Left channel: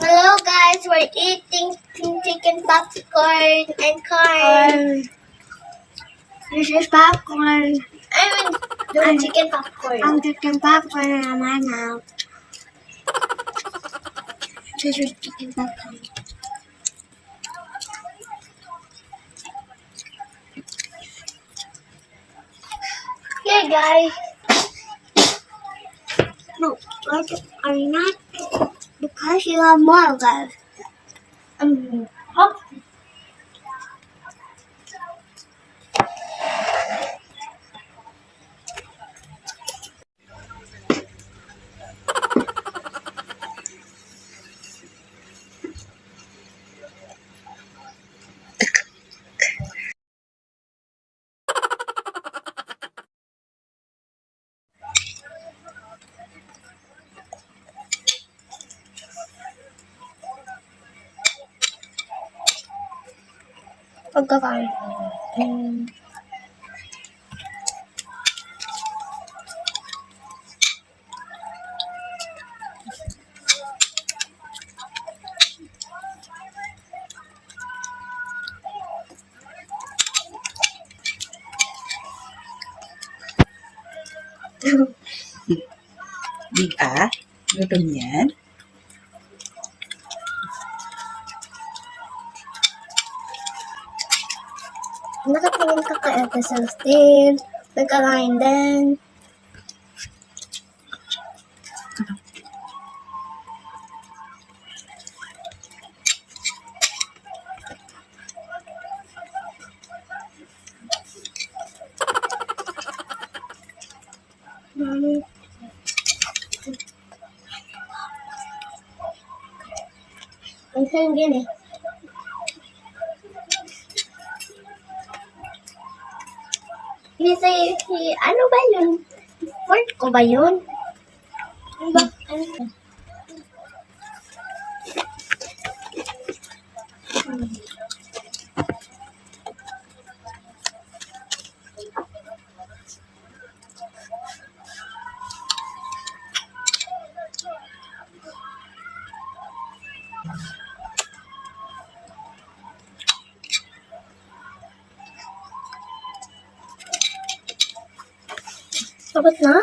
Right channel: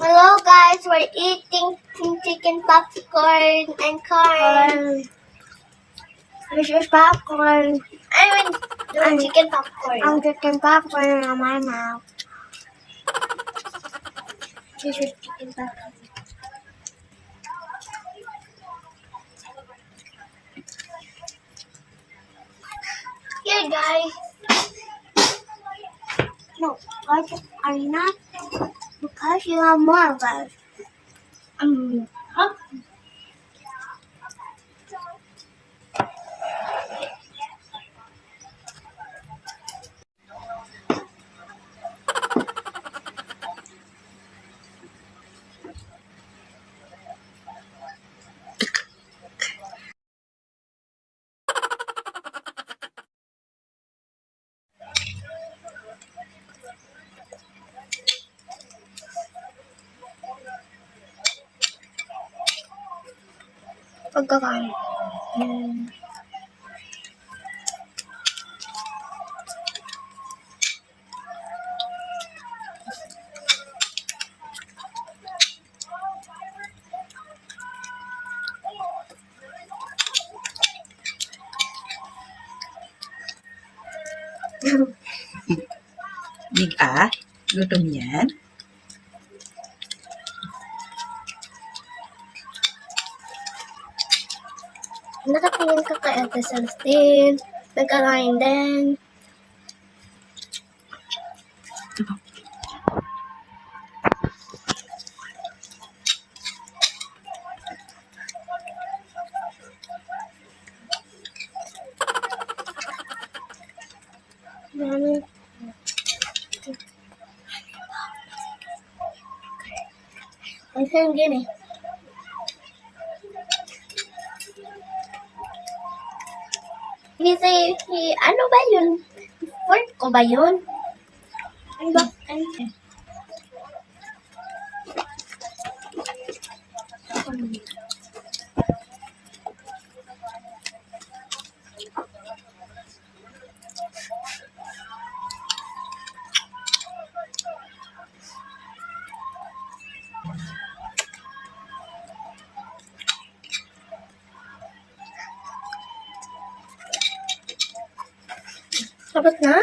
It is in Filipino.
Hello guys, we're eating chicken popcorn and corn. This is popcorn. I mean, the chicken popcorn. I'm chicken popcorn on my mouth. This is chicken popcorn. Here guys. No, guys are not because you are more guys. Hop. Pagkakain. Big gutom yan. Nakatingin ka kay Ate Celestine. Nagkakain din. Ang sayang yan eh. Ano ba yun? Fork ko ba yun? Ano ba? Ano yun? Tapos na?